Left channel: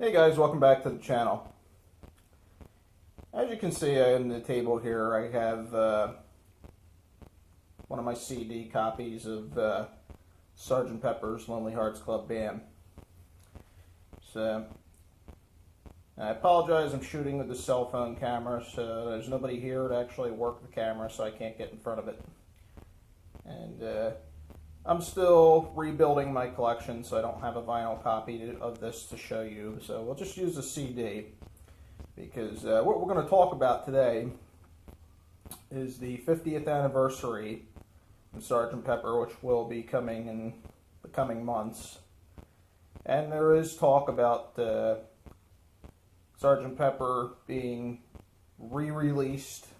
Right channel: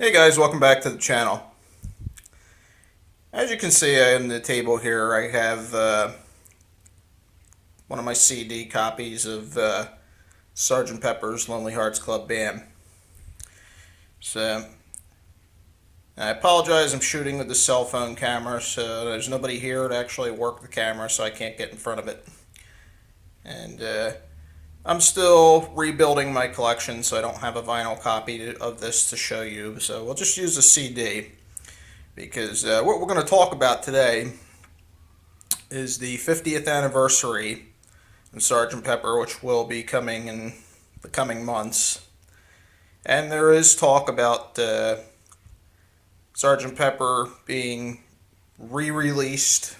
Hey guys, welcome back to the channel. As you can see in the table here, I have one of my CD copies of Sgt. Pepper's Lonely Hearts Club Band. So, I apologize, I'm shooting with the cell phone camera, so there's nobody here to actually work the camera, so I can't get in front of it. And I'm still rebuilding my collection, so I don't have a vinyl copy of this to show you, so we'll just use a CD. Because what we're going to talk about today is the 50th anniversary of Sgt. Pepper, which will be coming in the coming months. And there is talk about Sgt. Pepper being re-released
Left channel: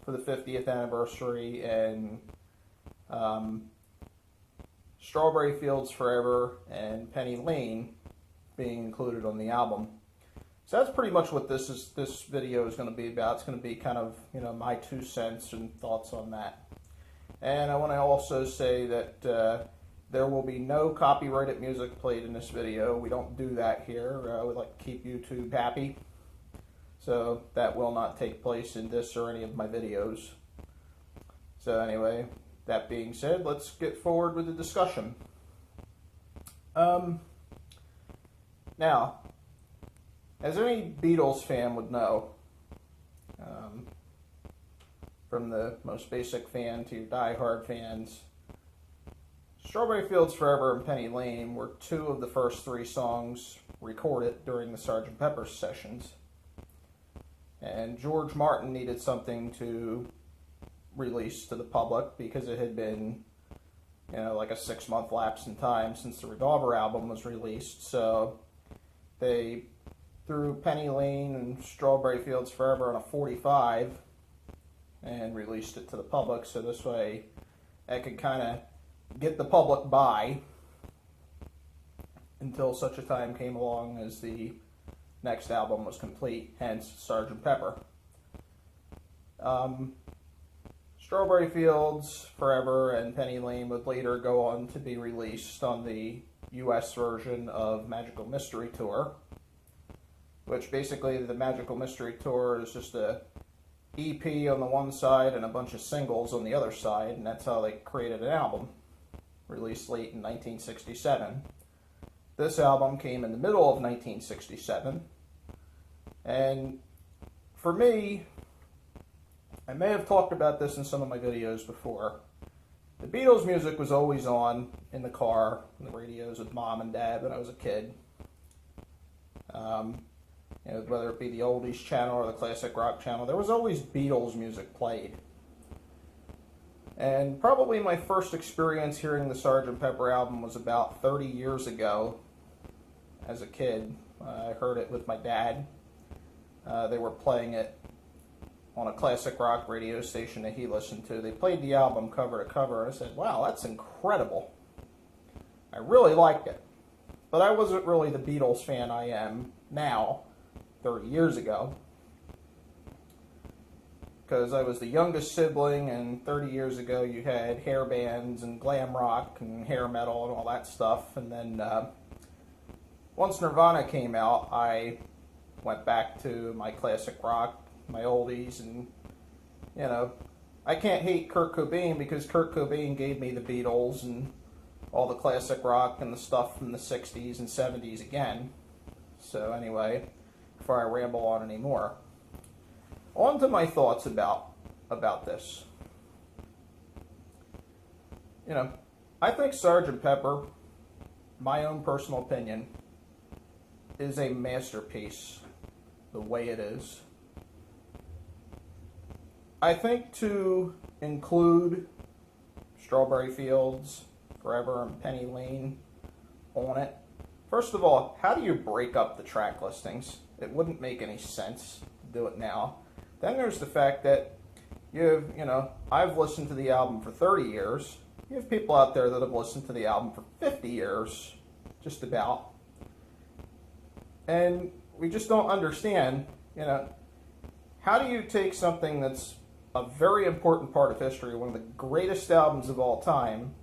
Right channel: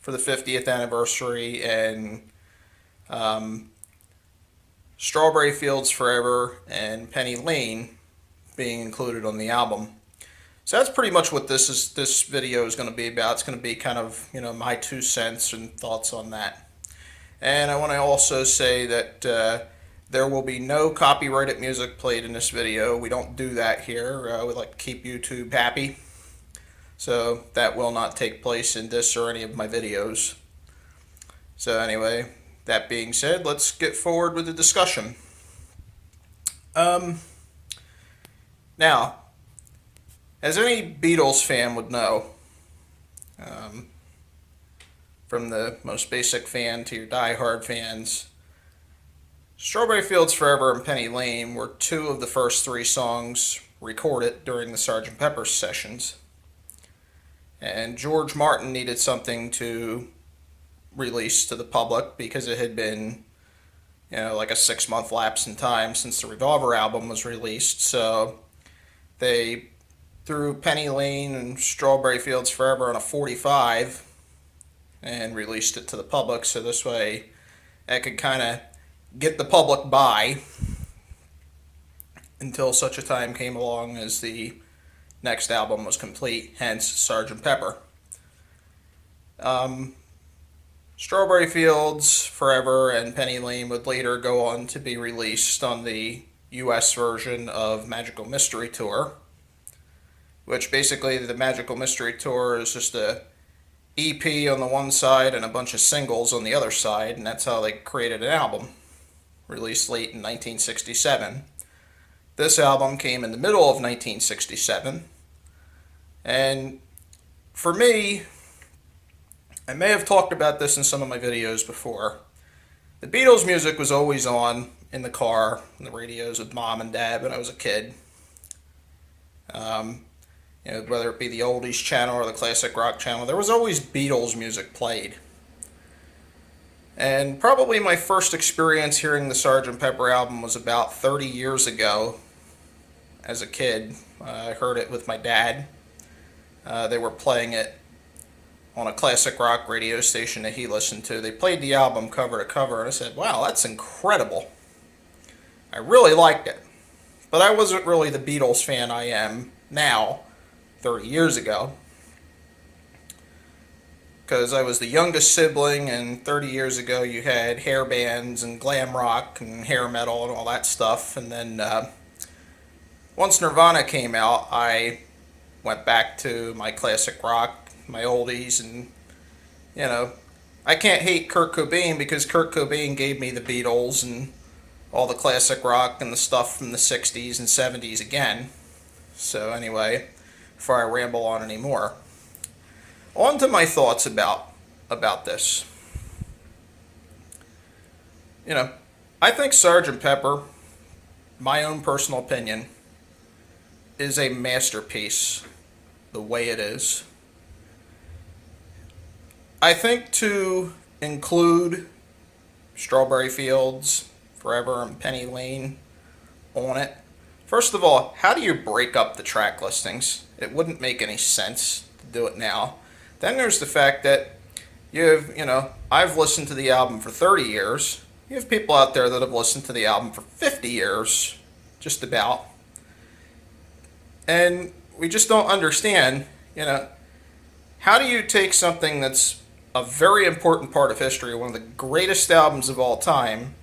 for the 50th anniversary, and Strawberry Fields Forever and Penny Lane being included on the album. So that's pretty much what this video is going to be about. It's going to be kind of, my 2 cents and thoughts on that. And I want to also say that there will be no copyrighted music played in this video. We don't do that here. We like to keep YouTube happy. So that will not take place in this or any of my videos. So anyway, that being said, let's get forward with the discussion. Now, as any Beatles fan would know, from the most basic fan to your die-hard fans, Strawberry Fields Forever and Penny Lane were two of the first three songs recorded during the Sgt. Pepper sessions. And George Martin needed something to release to the public because it had been, like a 6-month lapse in time since the Revolver album was released. So they threw Penny Lane and Strawberry Fields Forever on a 45 and released it to the public, so this way I could kind of get the public by until such a time came along as the next album was complete, hence Sgt. Pepper. Strawberry Fields Forever and Penny Lane would later go on to be released on the US version of Magical Mystery Tour, which basically the Magical Mystery Tour is just a EP on the one side and a bunch of singles on the other side, and that's how they created an album, released late in 1967. This album came in the middle of 1967, and for me, I may have talked about this in some of my videos before, the Beatles music was always on in the car, on the radios with Mom and Dad when I was a kid. Whether it be the oldies channel or the classic rock channel, there was always Beatles music played. And probably my first experience hearing the Sgt. Pepper album was about 30 years ago as a kid. I heard it with my dad. They were playing it on a classic rock radio station that he listened to. They played the album cover to cover, and I said, wow, that's incredible. I really liked it. But I wasn't really the Beatles fan I am now, 30 years ago, because I was the youngest sibling, and 30 years ago you had hair bands and glam rock and hair metal and all that stuff. And then once Nirvana came out, I went back to my classic rock, my oldies, and I can't hate Kurt Cobain because Kurt Cobain gave me the Beatles and all the classic rock and the stuff from the 60s and 70s again. So anyway, before I ramble on anymore, on to my thoughts about this. I think Sgt. Pepper, my own personal opinion, is a masterpiece the way it is. I think to include Strawberry Fields Forever and Penny Lane on it, first of all, how do you break up the track listings? It wouldn't make any sense to do it now. Then there's the fact that I've listened to the album for 30 years. You have people out there that have listened to the album for 50 years, just about. And we just don't understand, how do you take something that's a very important part of history, one of the greatest albums of all time,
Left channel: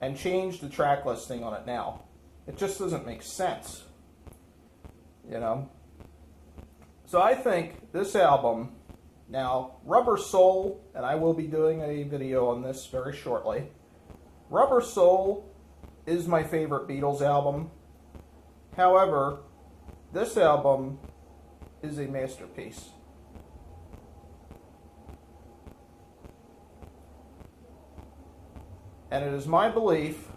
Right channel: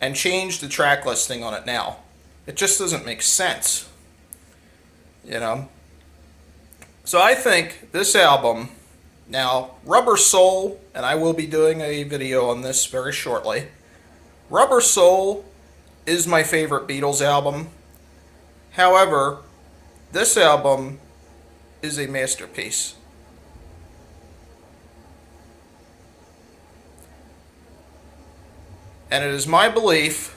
and change the track listing on it now? It just doesn't make sense. you know. So I think this album, now Rubber Soul, and I will be doing a video on this very shortly. Rubber Soul is my favorite Beatles album. However, this album is a masterpiece. And it is my belief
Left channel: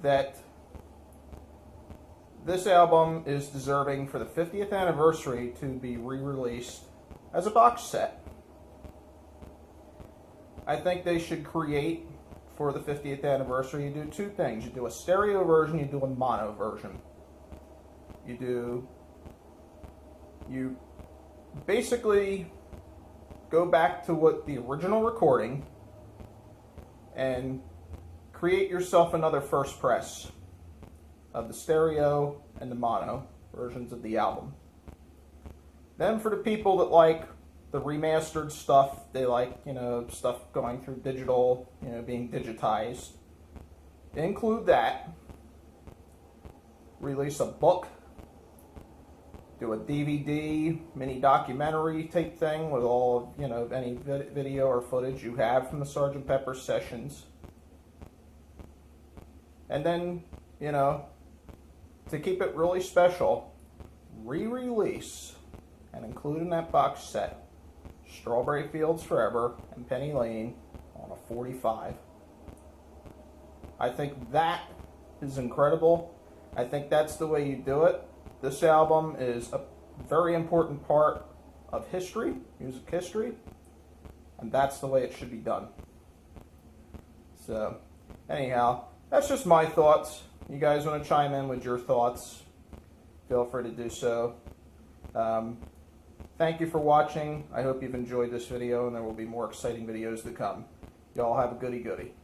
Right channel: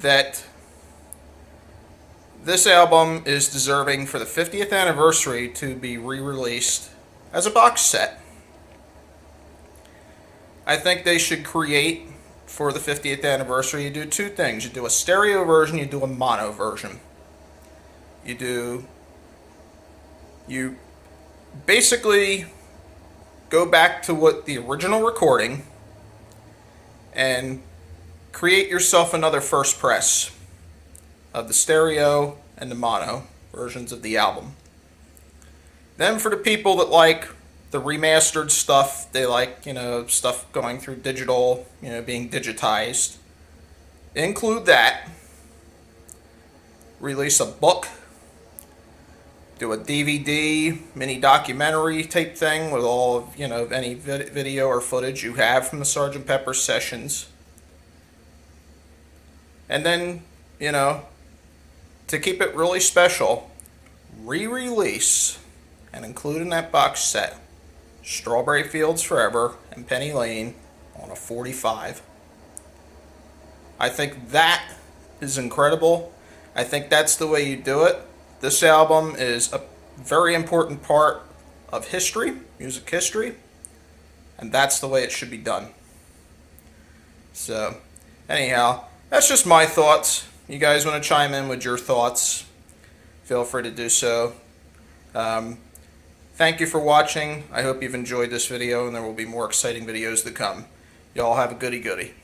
that this album is deserving for the 50th anniversary to be re-released as a box set. I think they should create, for the 50th anniversary, you do two things. You do a stereo version, you do a mono version. You basically go back to what the original recording and create yourself another first press of the stereo and the mono versions of the album. Then for the people that like the remastered stuff, they like, stuff going through digital, being digitized, include that. Release a book, do a DVD mini documentary type thing with all of, any video or footage you have from the Sgt. Pepper sessions. And then, to keep it really special, re-release and include in that box set Strawberry Fields Forever and Penny Lane on a 45. I think that is incredible. I think that's the way you do it. This album is a very important part of history, music history, and that's the way it should be done. So, anyhow, that's just my thoughts. You guys want to chime in with your thoughts, feel free to do so. Thank you for watching. I hope you've enjoyed this video, and there will be more exciting videos to come. Y'all have a goody goody.